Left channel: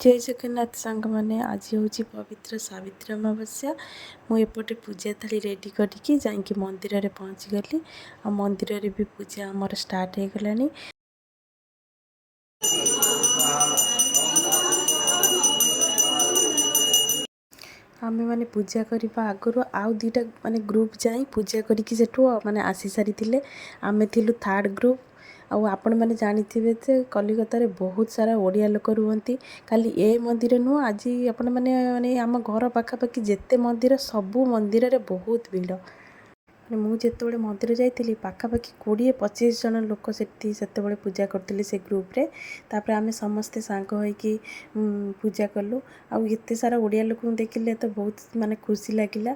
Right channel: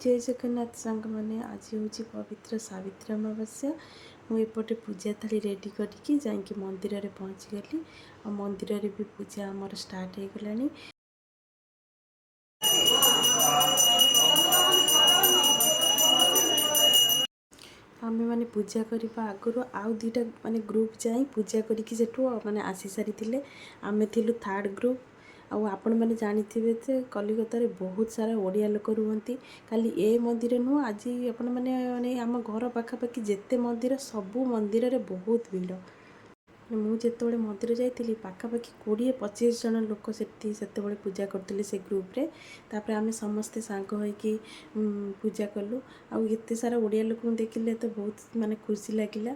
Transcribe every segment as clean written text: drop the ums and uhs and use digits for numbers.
जय जगन्नाथ सांग मैंने आज हूँ पवित्र सावित्री अमावस्या। मुझे पूजा थाली रेडी करके जाकि मंदिर में पहुँची गली। आ मंदिर में भी पूजा आमर स्टार्ट हो गलानी। आमे माने पूजा करने आगु आउ दुईटा माने ग्रुप जाई पूजा करके सेठू माने आसी सारी आमे थिलु थर्ड ग्रुप। आउ आपण मैंने जानिथिबे जे कलिकता रे बहुत सारा ओडिया लोक रुहंती। खाली ए मंदिर नुह आज आपण मैंने माने आम घर पाखापाखि जेते मंदिर सबू मंदिर रे बहुत भीड़। मुझे मंदिर जाइली पाखापाखि 20-25 जन लोक से पूजा करते से ग्रुप रे। तापर आमे समस्ते सांग होइकी पूजा कलु। आउ एते सारा ओडिया लोक देखिले तो बहुत माने खुशी लागिला।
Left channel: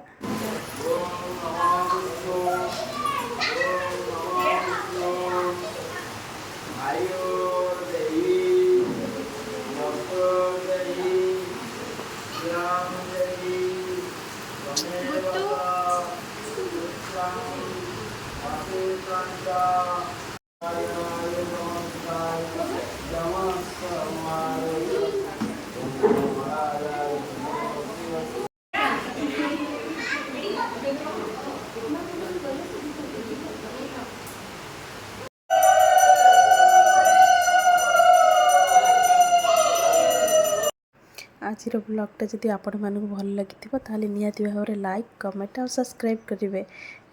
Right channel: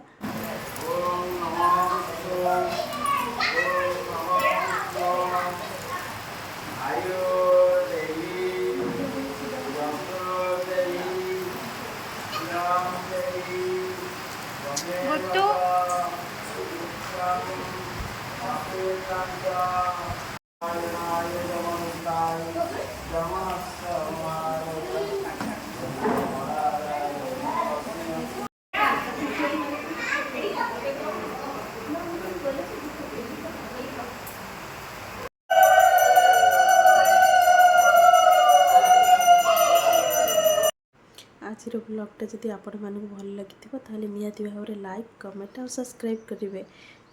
आज ब्लॉगटा जदि आपण मानक भल लगी ताले निहाती भाव लाइक कमेंट और सब्सक्राइब करेंगे।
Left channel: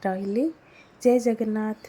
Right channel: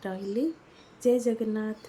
रही जय जगन्नाथ।